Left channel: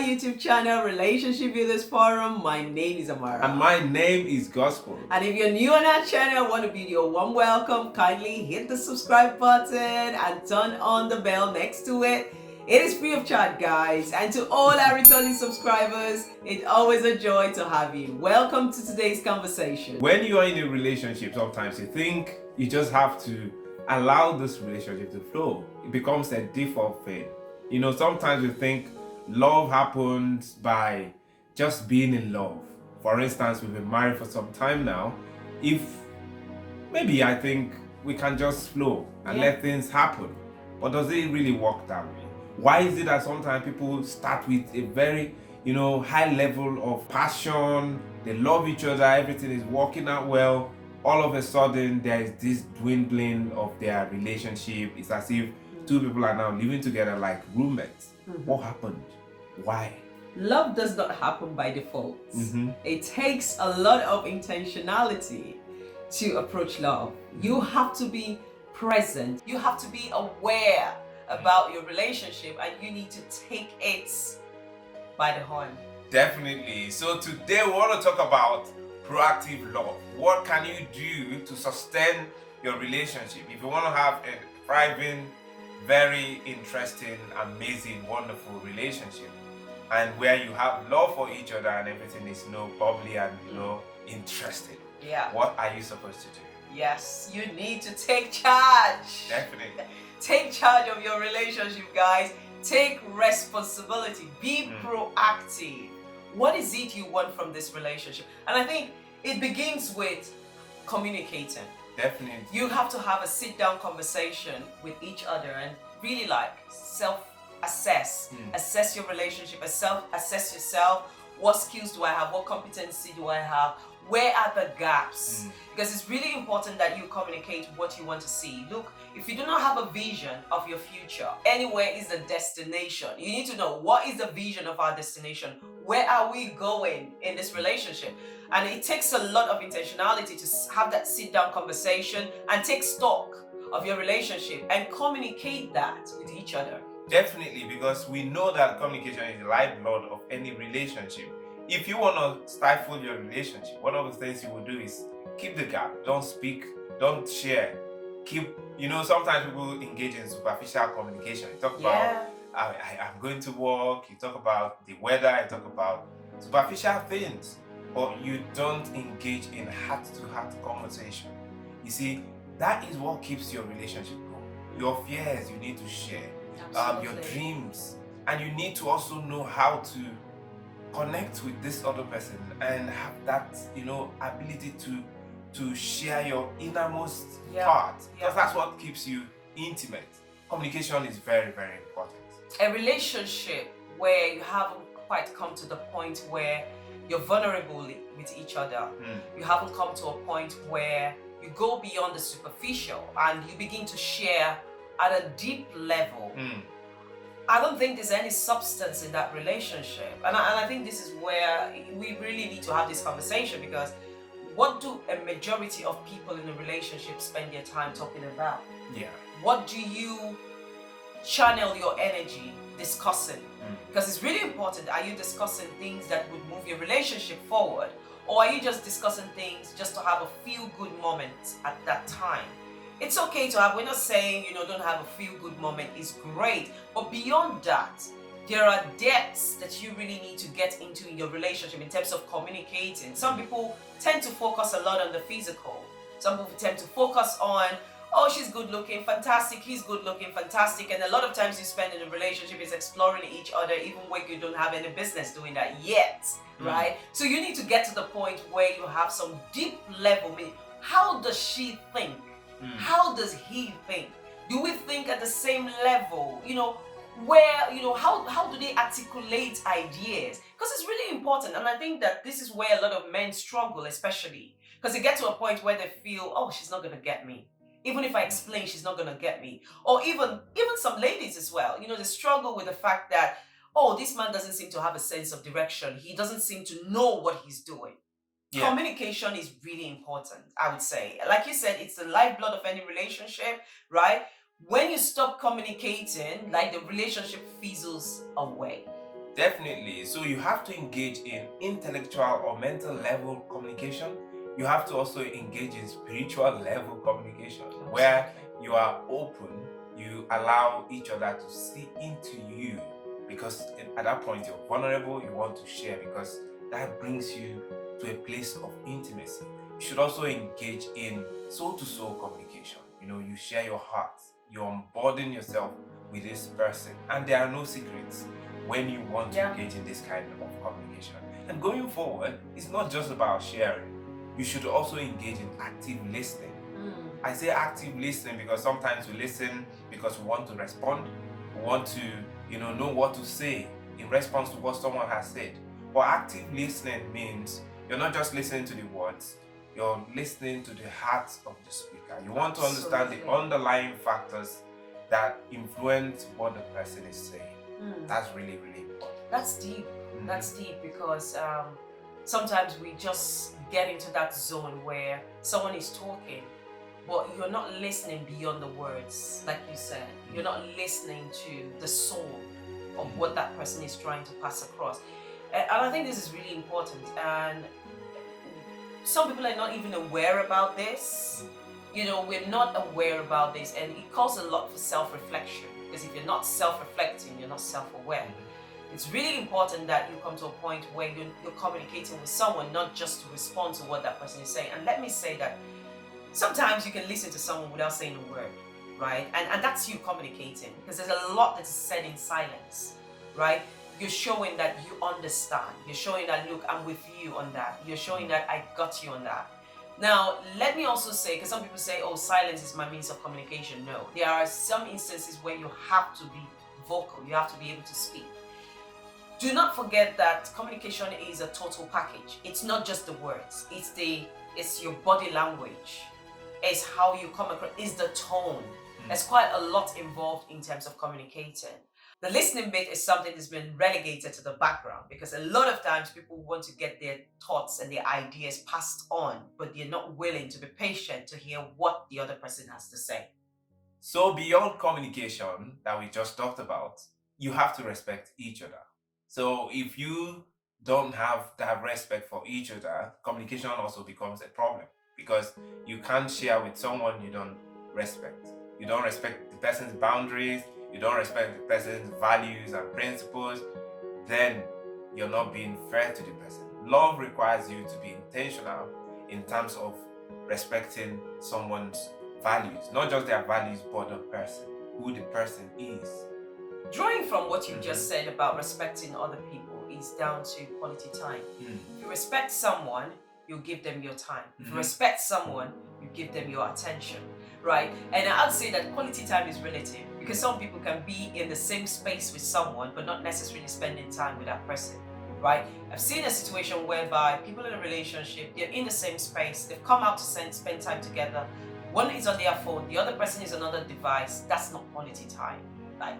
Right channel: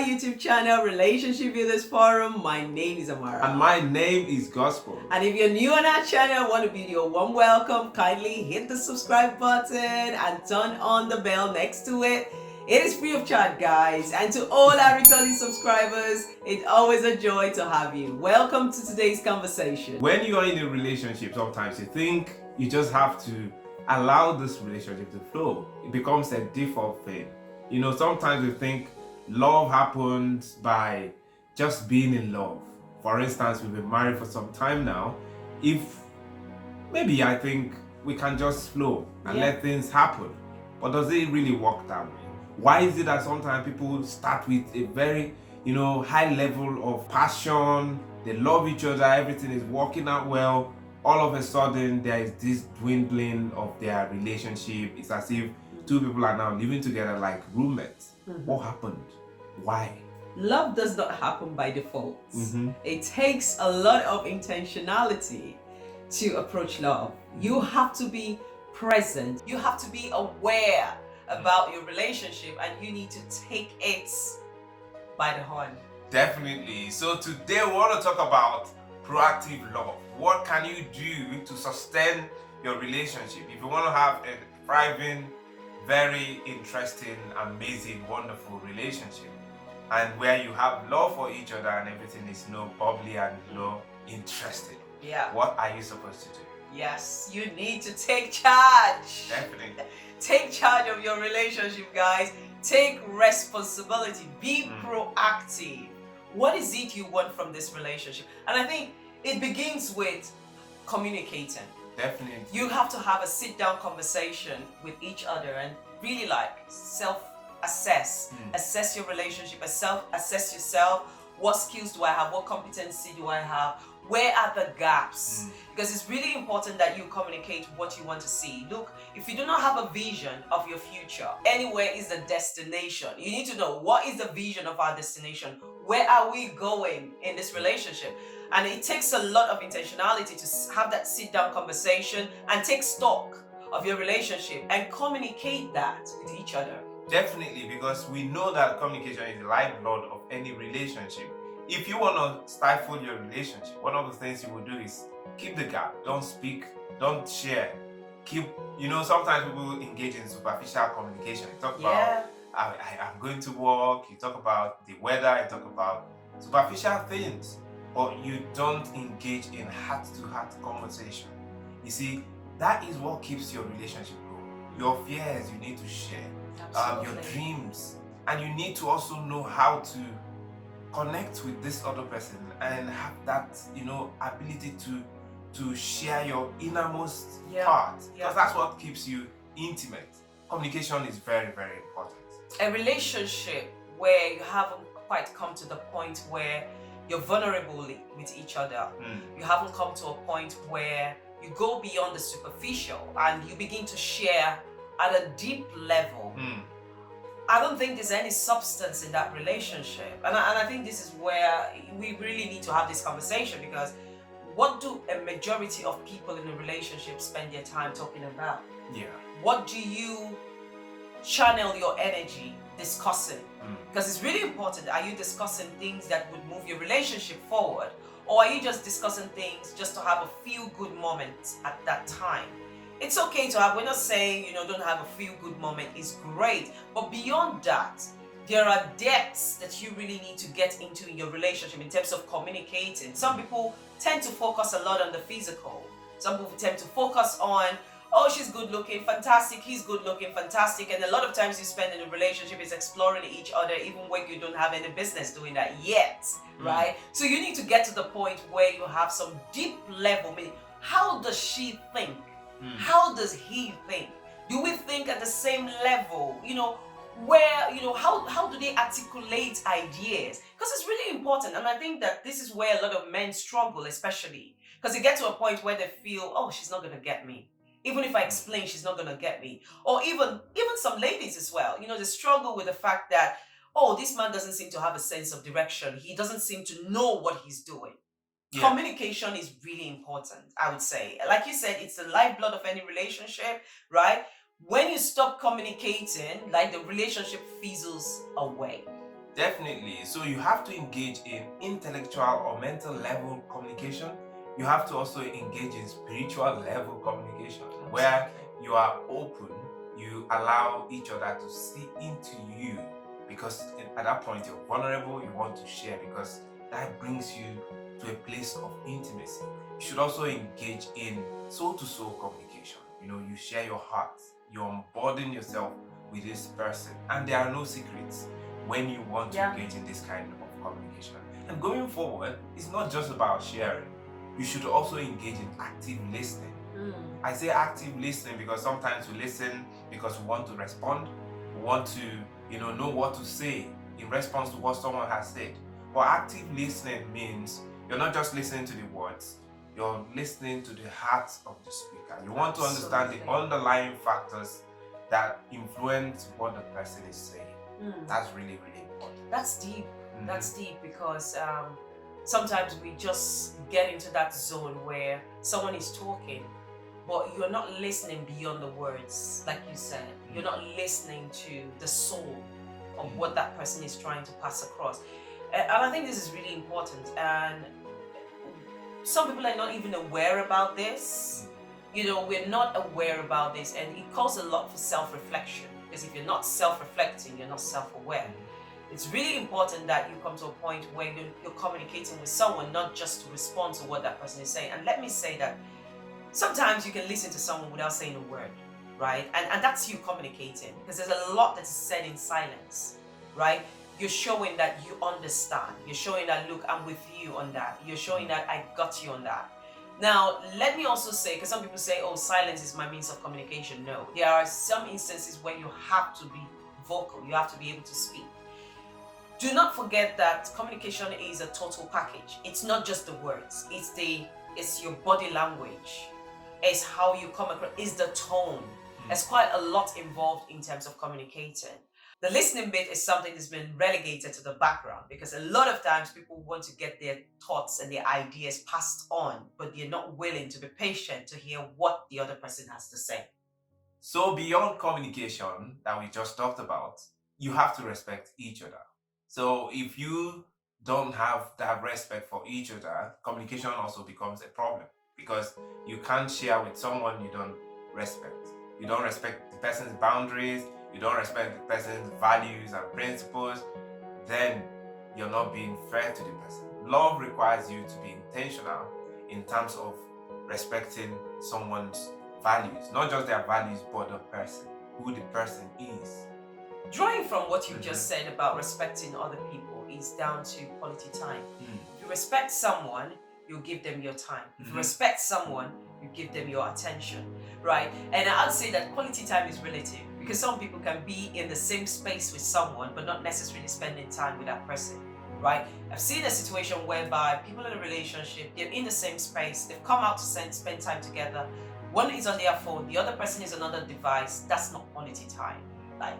YouTube channel, Relationship Builders Forum. My name is Amara. And my name is Gospel. And if you're new on our channel, want to be your warm welcome, kindly hit the subscribe button and turn on the bell next to it. It is free of charge, guys. And to all our returning subscribers, it's always a joy to have you. Welcome to today's conversation. When you are in a relationship, sometimes you think you just have to allow this relationship to flow. It becomes a default thing. You know, sometimes we think love happens by just being in love. For instance, we've been married for some time now. If maybe I think we can just flow and let things happen. But does it really work that way? Why is it that sometimes people start with a very, high level of passion, they love each other, everything is working out well, all of a sudden there is this dwindling of their relationship. It's as if two people are now living together like roommates. What happened? Why? Love does not happen by default. It takes a lot of intentionality to approach love. You have to be present. You have to be aware about your relationship, and you need to take it by the horn. Definitely. So today we want to talk about proactive love. What can you do to sustain your relationship? If you want to have a thriving, very interesting, amazing, wonderful relationship, and where you have love for each other and everything is bubbly and interesting. Yeah. What are you supposed to do? Yes, you need to take charge. Definitely. Take charge of your relationship, guys. Take responsibility. Be proactive. What is it you want from this relationship? And I think it begins with communicating. Definitely. You have to have a sit-down conversation with each other and really self-assess. Assess your relationship, assess yourself. What skills do I have? What competency do I have? Where are the gaps? Because it's really important that you communicate what you want to see. Look, if you do not have a vision of your future, anywhere is the destination. You need to know, what is the vision of our destination? Where are we going in this relationship? And it takes a lot of intentionality to have that sit-down conversation and take stock of your relationship and communicate that with each other. Definitely, because we know that communication is the lifeblood of any relationship. If you want to stifle your relationship, one of the things you will do is keep the gap. Don't speak, don't share. Sometimes people engage in superficial communication. You talk about, I'm going to work, you talk about the weather, you talk about superficial things, but you don't engage in heart-to-heart conversation. You see, that is what keeps your relationship going. Your fears, you need to share. Your dreams, and you need to also know how to connect with this other person and have that ability to share your innermost part, because that's what keeps you intimate. Communication is very, very important. A relationship where you haven't quite come to the point where you're vulnerable with each other, you haven't come to a point where you go beyond the superficial and you begin to share at a deep level. I don't think there's any substance in that relationship. And I think this is where we really need to have this conversation, because what do a majority of people in a relationship spend their time talking about? What do you channel your energy discussing? Because it's really important. Are you discussing things that would move your relationship forward? Or are you just discussing things just to have a feel-good moment at that time? It's okay to have, we're not saying, don't have a feel-good moment, it's great. But beyond that, there are depths that you really need to get into in your relationship in terms of communicating. Some people tend to focus a lot on the physical. Some people tend to focus on, oh, she's good looking, fantastic, he's good looking, fantastic. And a lot of times you spend in a relationship is exploring each other, even when you don't have any business doing that yet, right? So you need to get to the point where you have some deep level, meaning, how does she think? How does he think? Do we think at the same level? How do they articulate ideas? Because it's really important. And I think that this is where a lot of men struggle, especially because they get to a point where they feel, oh, she's not going to get me. Even if I explain, she's not going to get me. Or even some ladies as well, they struggle with the fact that, oh, this man doesn't seem to have a sense of direction. He doesn't seem to know what he's doing. Communication is really important, I would say. Like you said, it's the lifeblood of any relationship, right? When you stop communicating, like, the relationship fizzles away. Definitely. So you have to engage in intellectual or mental level communication. You have to also engage in spiritual level communication, where you are open, you allow each other to see into you, because at that point you're vulnerable, you want to share, because that brings you to a place of intimacy. You should also engage in soul to soul communication. You share your heart, you unburden yourself with this person, and there are no secrets when you want to engage in this kind of communication. And going forward, it's not just about sharing. You should also engage in active listening. I say active listening because sometimes we listen because we want to respond, we want to know what to say in response to what someone has said. But active listening means you're not just listening to the words, you're listening to the heart of the speaker. You want to understand the underlying factors that influence what the person is saying. That's really, really important. That's deep. That's deep, because sometimes we just get into that zone where someone is talking, but you're not listening beyond the words. Like you said, you're not listening to the soul of what that person is trying to pass across. And I think this is really important. And some people are not even aware about this. We're not aware about this, and it calls a lot for self-reflection, because if you're not self-reflecting, you're not self-aware. It's really important that you come to a point where you're communicating with someone, not just to respond to what that person is saying. And let me say that sometimes you can listen to someone without saying a word, right? And that's you communicating, because there's a lot that is said in silence, right? You're showing that you understand. You're showing that, look, I'm with you on that. You're showing that I got you on that. Now, let me also say, because some people say, oh, silence is my means of communication. No, there are some instances where you have to be vocal. You have to be able to speak. Do not forget that communication is a total package. It's not just the words. It's your body language. It's how you come across. It's the tone. There's quite a lot involved in terms of communicating. The listening bit is something that's been relegated to the background, because a lot of times people want to get their thoughts and their ideas passed on, but they're not willing to be patient to hear what the other person has to say. So beyond communication that we just talked about, you have to respect each other. So if you don't have that respect for each other, communication also becomes a problem, because you can't share with someone you don't respect. You don't respect the person's boundaries, you don't respect the person's values and principles, then you're not being fair to the person. Love requires you to be intentional in terms of respecting someone's values, not just their values, but the person, who the person is. Drawing from what you just said about respecting other people is down to quality time. If you respect someone, you give them your time. If you respect someone, you give them your attention, right? And I'd say that quality time is relative, because some people can be in the same space with someone but not necessarily spending time with that person, right? I've seen a situation whereby people in a relationship, they're in the same space, they've come out to spend time together. One is on their phone, the other person is on another device. That's not quality time. Like,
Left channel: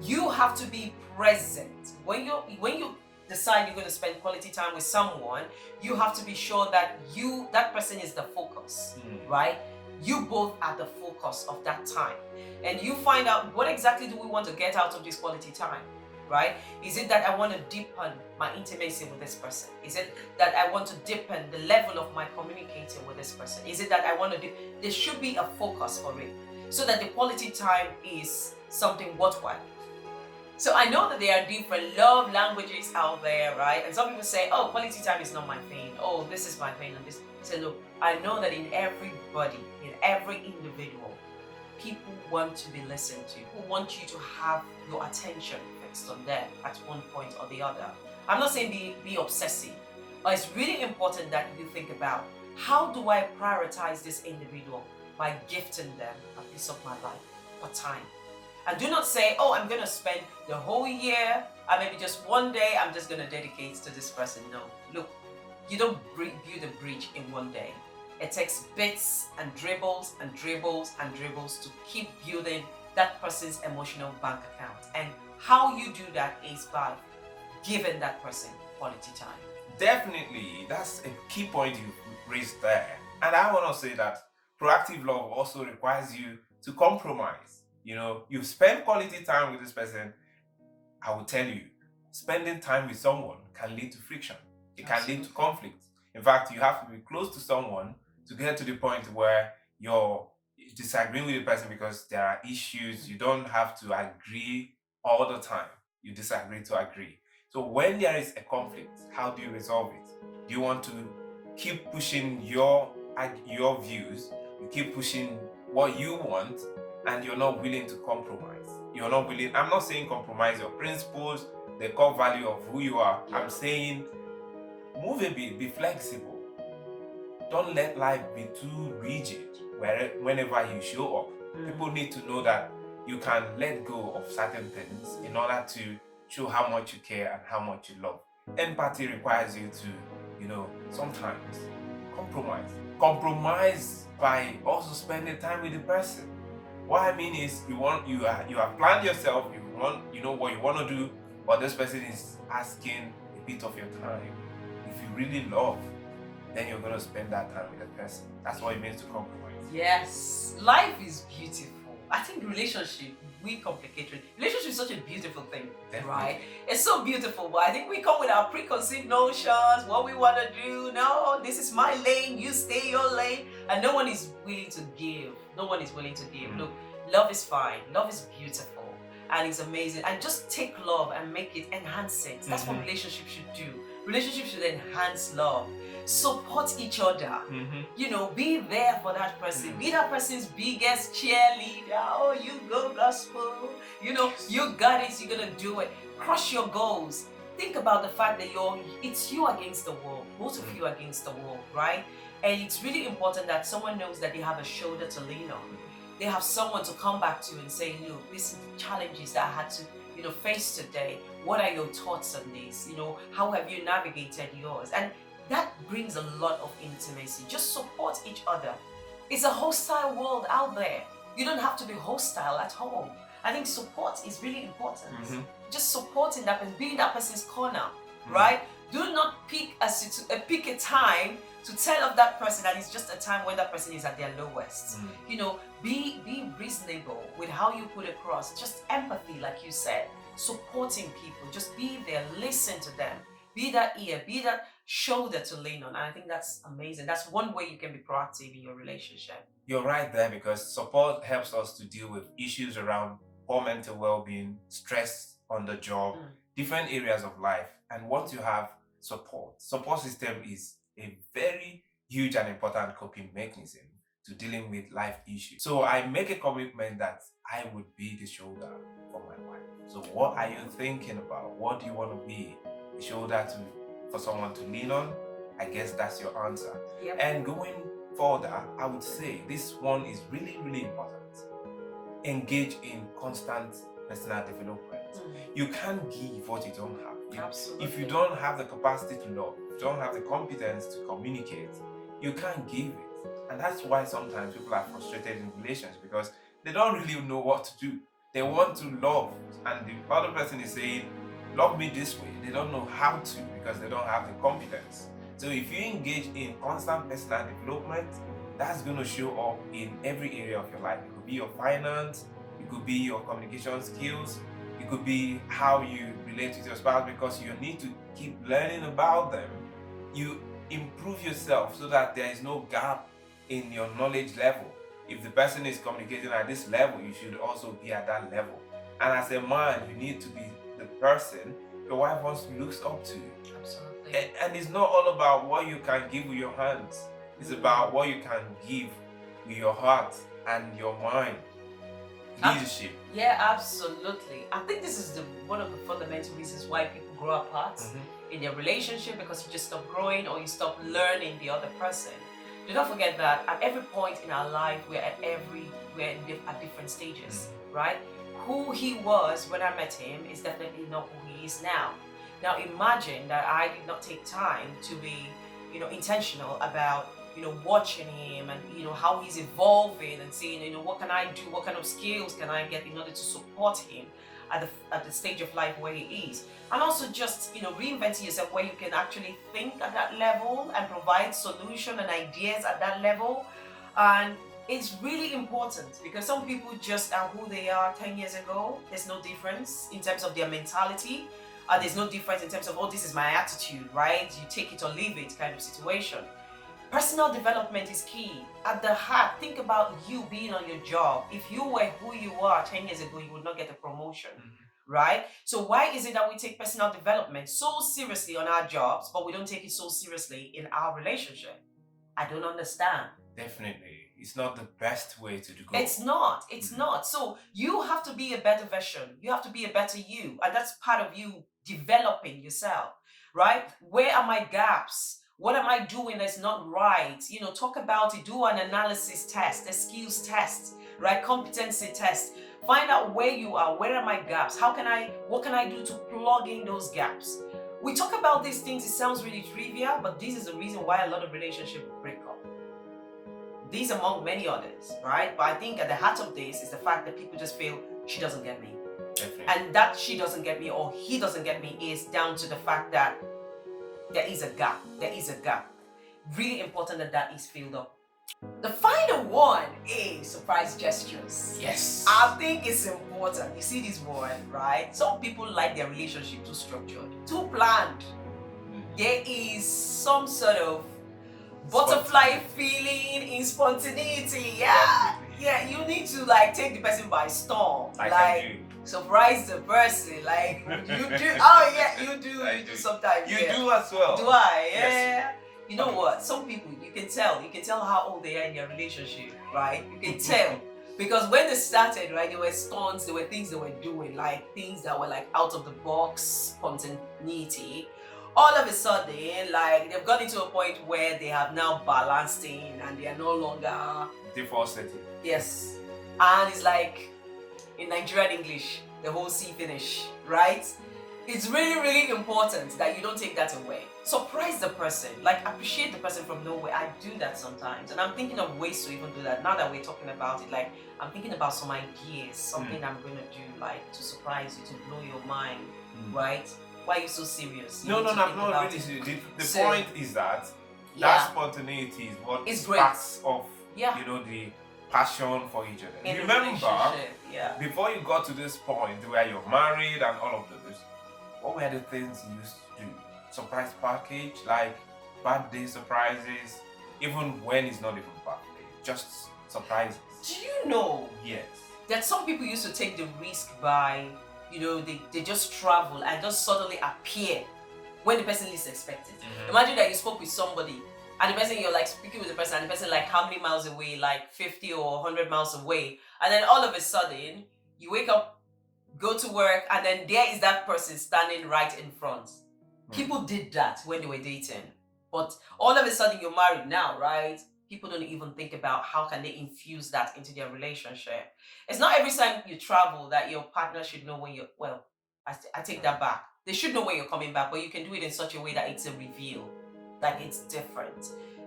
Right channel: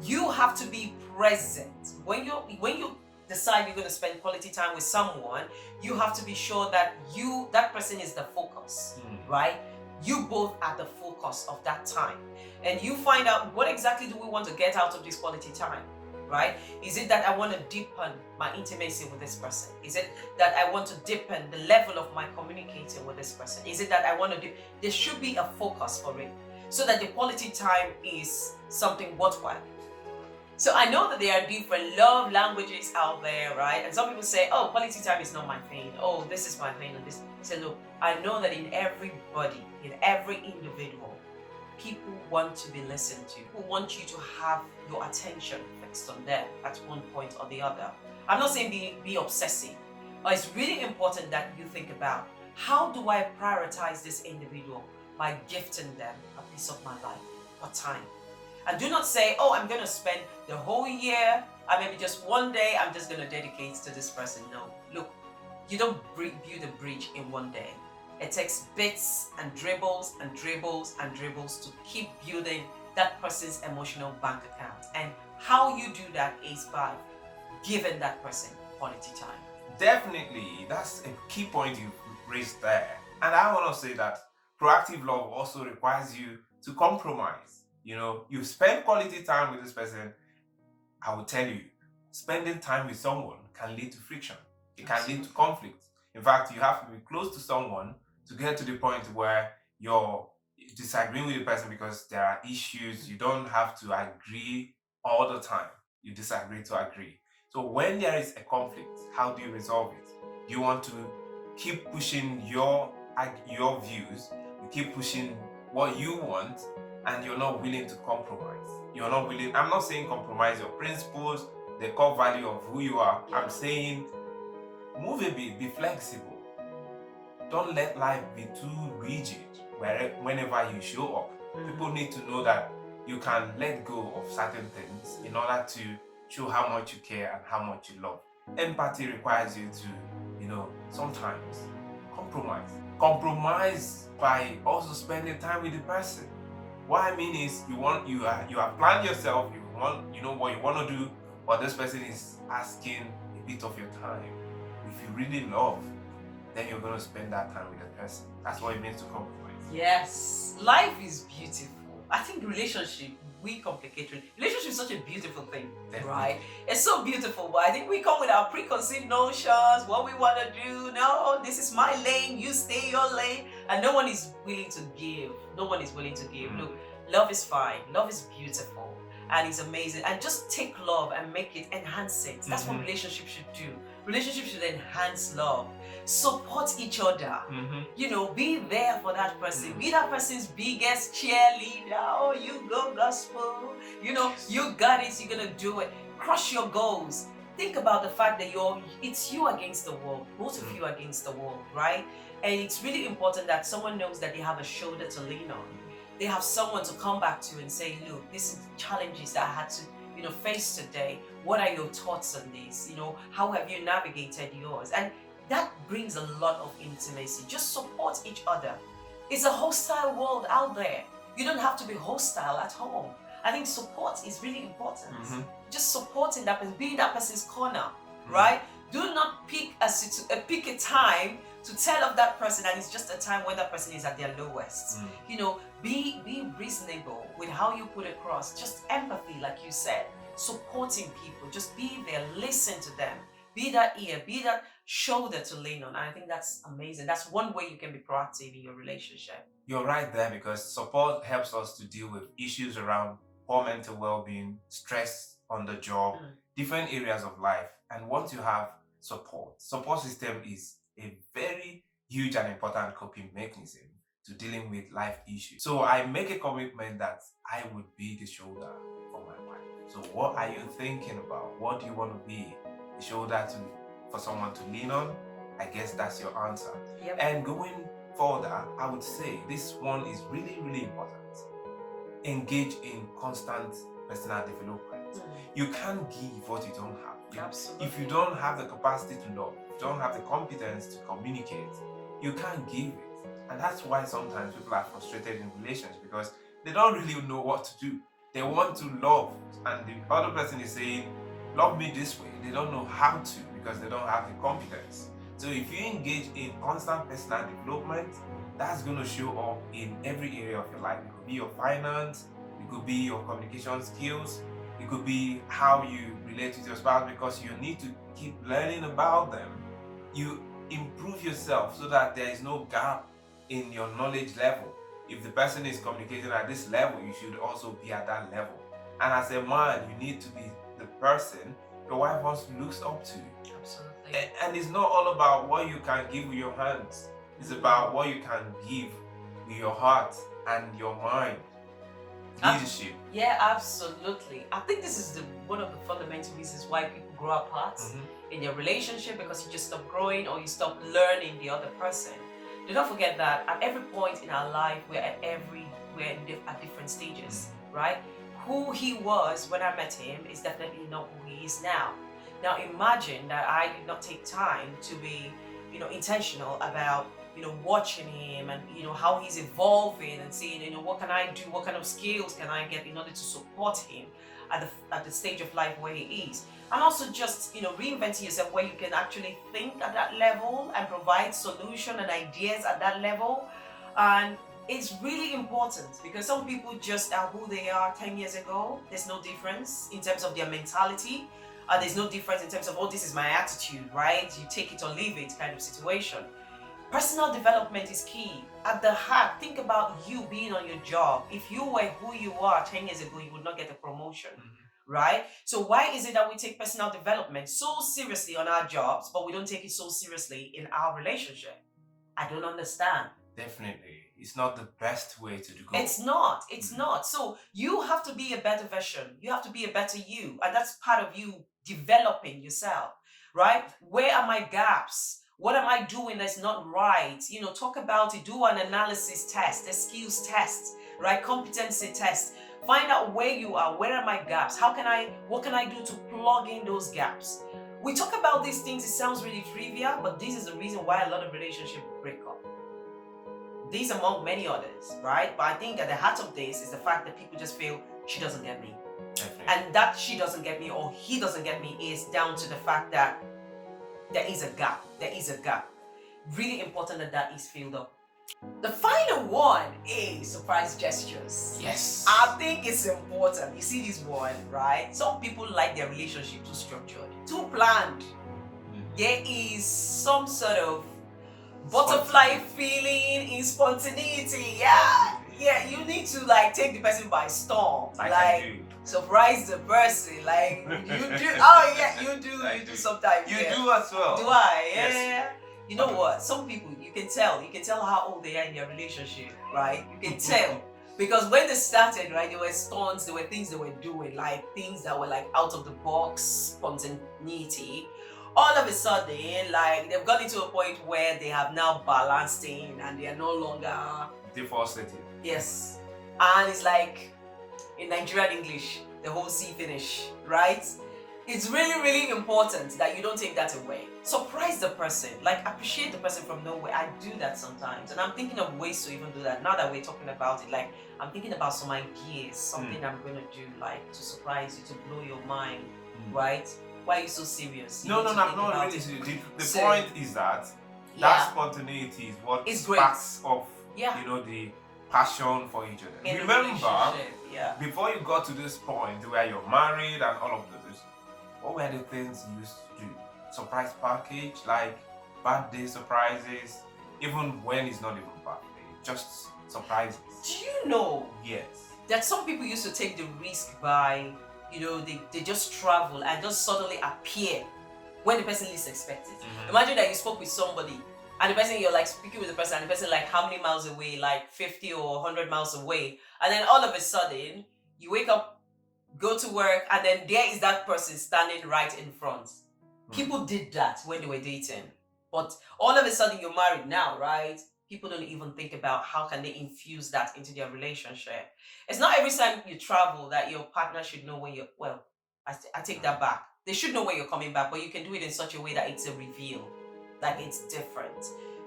you have to be present when you decide you're going to spend quality time with someone. You have to be sure that that person is the focus, right? You both are the focus of that time, and you find out what exactly do we want to get out of this quality time, right? Is it that I want to deepen my intimacy with this person? Is it that I want to deepen the level of my communicating with this person? Is it that I want to there should be a focus for it, so that the quality time is something worthwhile. So I know that there are different love languages out there, right? And some people say, oh, quality time is not my thing. Oh, this is my thing. And this. I say, look, I know that in everybody, in every individual, people want to be listened to. People want you to have your attention fixed on them at one point or the other. I'm not saying be obsessive, but it's really important that you think about, how do I prioritize this individual by gifting them a piece of my life or time? And do not say, oh, I'm going to spend the whole year, or maybe just one day, I'm just going to dedicate to this person. No, look, you don't build a bridge in one day. It takes bits and dribbles and dribbles and dribbles to keep building that person's emotional bank account. And how you do that is by giving that person quality time. Definitely, that's a key point you raised there. And I want to say that proactive love also requires you to compromise. You spend quality time with this person, I will tell you, spending time with someone can lead to friction. It can lead to Absolutely. conflict. In fact, you have to be close to someone to get to the point where you're disagreeing with the person because there are issues. You don't have to agree all the time. You disagree to agree. So when there is a conflict, how do you resolve it? Do you want to keep pushing your views? You keep pushing what you want, and you're not willing to compromise. You're not willing. I'm not saying compromise your principles, the core value of who you are. Yeah. I'm saying move a bit, be flexible. Don't let life be too rigid whenever you show up. People need to know that you can let go of certain things in order to show how much you care and how much you love. Empathy requires you to, sometimes compromise. Compromise by also spending time with the person. What I mean is you have planned yourself, you know what you want to do, but this person is asking a bit of your time. If you really love, then you're gonna spend that time with the person. That's what it means to compromise. Yes, life is beautiful. I think we complicate it. Relationship is such a beautiful thing, Definitely. right? It's so beautiful, but I think we come with our preconceived notions, what we want to do. No, this is my lane, you stay your lane, and no one is willing to give. No one is willing to give. Look, love is fine, love is beautiful, and it's amazing. And just take love and make it, enhance it. That's what relationships should do. Relationships should enhance love. Support each other. Be there for that person. Be that person's biggest cheerleader. Oh, you go gospel. You got it. You're gonna do it. Crush your goals. Think about the fact that it's you against the world. Both of you against the world, right? And it's really important that someone knows that they have a shoulder to lean on. They have someone to come back to and say, look, this is the challenges that I had to face today. What are your thoughts on this? How have you navigated yours? And that brings a lot of intimacy. Just support each other. It's a hostile world out there. You don't have to be hostile at home. I think support is really important. Just supporting that person, being in that person's corner, right? Do not pick a time to tell of that person that it's just a time when that person is at their lowest. Be reasonable with how you put across. Just empathy, like you said. Supporting people. Just be there. Listen to them. Be that ear. Be that shoulder to lean on. And I think that's amazing. That's one way you can be proactive in your relationship. You're right there, because support helps us to deal with issues around poor mental well-being, stress on the job, different areas of life. And once you have support system is a very huge and important coping mechanism to dealing with life issues. So I make a commitment that I would be the shoulder for my wife. So what are you thinking about? What do you want to be? The shoulder for someone to lean on? I guess that's your answer. Yep. And going further, I would say this one is really, really important. Engage in constant personal development. You can't give what you don't have. Absolutely. If you don't have the capacity to love, if you don't have the competence to communicate, you can't give it. And that's why sometimes people are frustrated in relations, because they don't really know what to do. They want to love, and the other person is saying, love me this way. They don't know how to, because they don't have the competence. So if you engage in constant personal development, that's going to show up in every area of your life. It could be your finance, it could be your communication skills, it could be how you relate with your spouse, because you need to keep learning about them. You improve yourself so that there is no gap in your knowledge level. If the person is communicating at this level, you should also be at that level. And as a man, you need to be the person your wife wants looks up to. Absolutely. And it's not all about what you can give with your hands. It's about what you can give with your heart and your mind. Leadership. Yeah, absolutely. I think this is one of the fundamental reasons why people grow apart in their relationship, because you just stop growing or you stop learning the other person. Do not forget that at every point in our life, we're at different stages, right? Who he was when I met him is definitely not who he is now. Now imagine that I did not take time to be, intentional about, watching him and, how he's evolving and seeing, what can I do? What kind of skills can I get in order to support him at the stage of life where he is? And also just, reinventing yourself where you can actually think at that level and provide solution and ideas at that level. And it's really important, because some people just are who they are 10 years ago. There's no difference in terms of their mentality. And there's no difference in terms of, oh, this is my attitude, right? You take it or leave it kind of situation. Personal development is key. At the heart, think about you being on your job. If you were who you are 10 years ago, you would not get a promotion, right? So why is it that we take personal development so seriously on our jobs, but we don't take it so seriously in our relationship? I don't understand. Definitely. It's not the best way to go. It's not. It's not. So you have to be a better version. You have to be a better you. And that's part of you developing yourself, right? Where are my gaps? What am I doing that's not right? You know, talk about it. Do an analysis test, a skills test, right? Competency test. Find out where you are. Where are my gaps? What can I do to plug in those gaps? We talk about these things. It sounds really trivial, but this is the reason why a lot of relationships break up. These among many others, right? But I think at the heart of this is the fact that people just feel she doesn't get me. Definitely. And that she doesn't get me or he doesn't get me is down to the fact that there is a gap. There is a gap. Really important that that is filled up. The final one is surprise gestures. Yes. I think it's important. You see this one, right? Some people like their relationship too structured, too planned. There is some sort of butterfly feeling in spontaneity. Yeah, you need to like take the person by storm, like surprise the person, like you do. Oh yeah, you do sometimes. You do as well. Do I? Yeah. Yes. You know what? Some people you can tell how old they are in their relationship, right? You can tell. Because when they started, right, there were stunts, there were things they were doing, like things that were like out of the box spontaneity. All of a sudden, like they've got into a point where they have now balanced in and they are no longer defaulted. Yes. And it's like in Nigerian English, the whole C finish, right? It's really, really important that you don't take that away. Surprise the person, like appreciate the person from nowhere. I do that sometimes, and I'm thinking of ways to even do that. Now that we're talking about it, like I'm thinking about some ideas, something I'm gonna do, like to surprise you, to blow your mind, right? Why are you so serious? No, I'm not really serious. The point is that that spontaneity is what sparks off, you know, the passion for each other. In remember, before you got to this point where you're married and all of those, what were the things you used to do? Surprise package, like birthday surprises, even when it's not even birthday, just surprises. Do you know? Yes. That some people used to take the risk by, you know, they just travel and just suddenly appear when the person least expects it. Imagine that you spoke with somebody and the person, you're like speaking with the person and the person like how many miles away, like 50 or 100 miles away, and then all of a sudden you wake up, go to work, and then there is that person standing right in front. People did that when they were dating, but all of a sudden you're married now, right? People don't even think about how can they infuse that into their relationship. It's not every time you travel that your partner should know when you're, well, I take that back. They should know when you're coming back, but you can do it in such a way that it's a reveal, like it's different.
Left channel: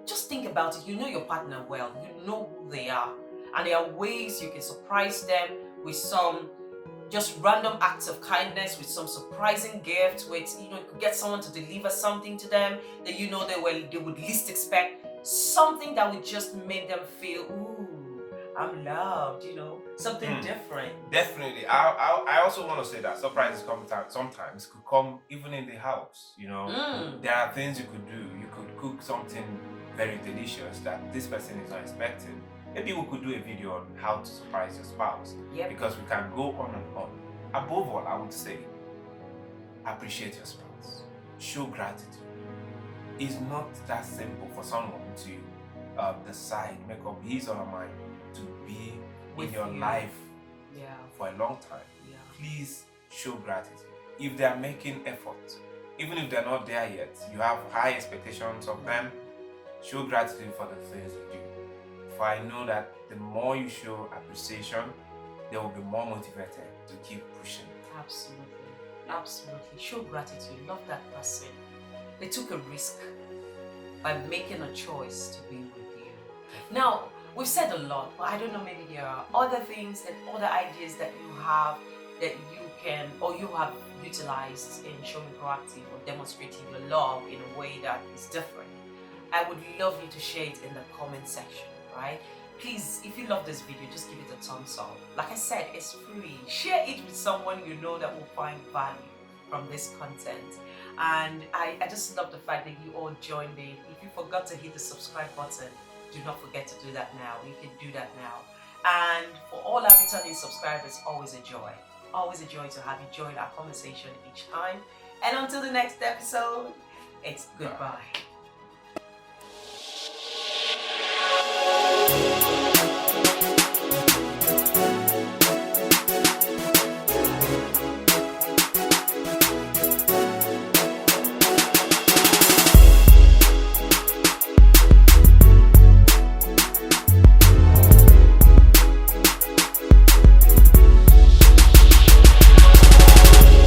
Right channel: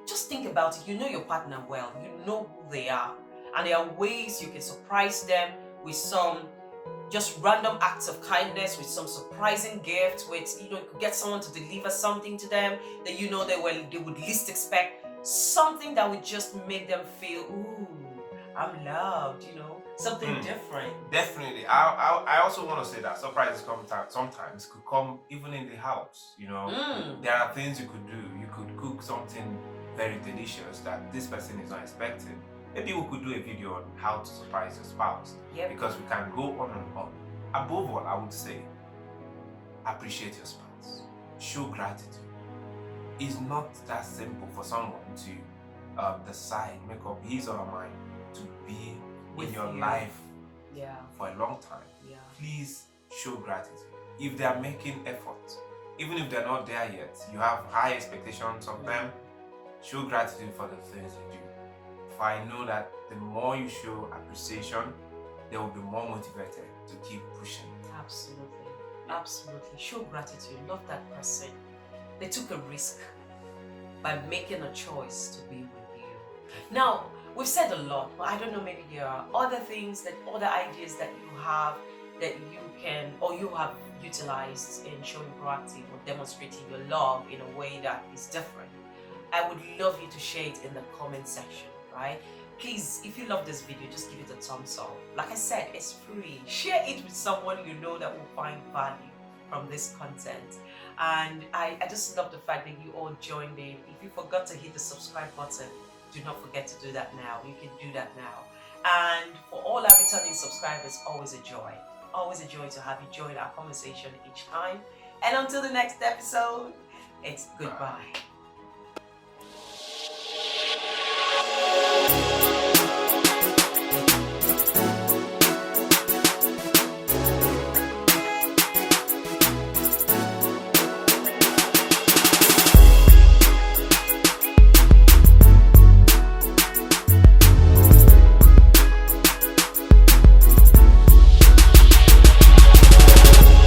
Just think about it. You know your partner well, you know who they are, and there are ways you can surprise them with some just random acts of kindness, with some surprising gift, with, you know, you could get someone to deliver something to them that you know they would least expect. Something that would just make them feel, ooh, I'm loved, you know, something different. Definitely. I also want to say that surprises sometimes could come even in the house, you know. There are things you could do. You could cook something very delicious that this person is not expecting. Maybe we could do a video on how to surprise your spouse. Because we can go on and on. Above all, I would say, appreciate your spouse. Show gratitude. It's not that simple for someone to decide, make up his or her mind to be in your life for a long time. Please show gratitude. If they are making effort, even if they're not there yet, you have high expectations of them, show gratitude for the things they do. For I know that the more you show appreciation, they will be more motivated to keep pushing. Absolutely. Absolutely. Show gratitude. Love that person. They took a risk by making a choice to be with you. Now, we've said a lot, but I don't know, maybe there are other things, other ideas that you have that you can, or you have utilized in showing proactive or demonstrating your love in a way that is different. I would love you to share it in the comment section, right? Please, if you love this video, just give it a thumbs up. Like I said, it's free. Share it with someone you know that will find value from this content. And I just love the fact that you all joined in. If you forgot to hit the subscribe button, do not forget to do that now. You can do that now. And for all our returning subscribers, always a joy. Always a joy to have you join our conversation each time. And until the next episode, it's goodbye.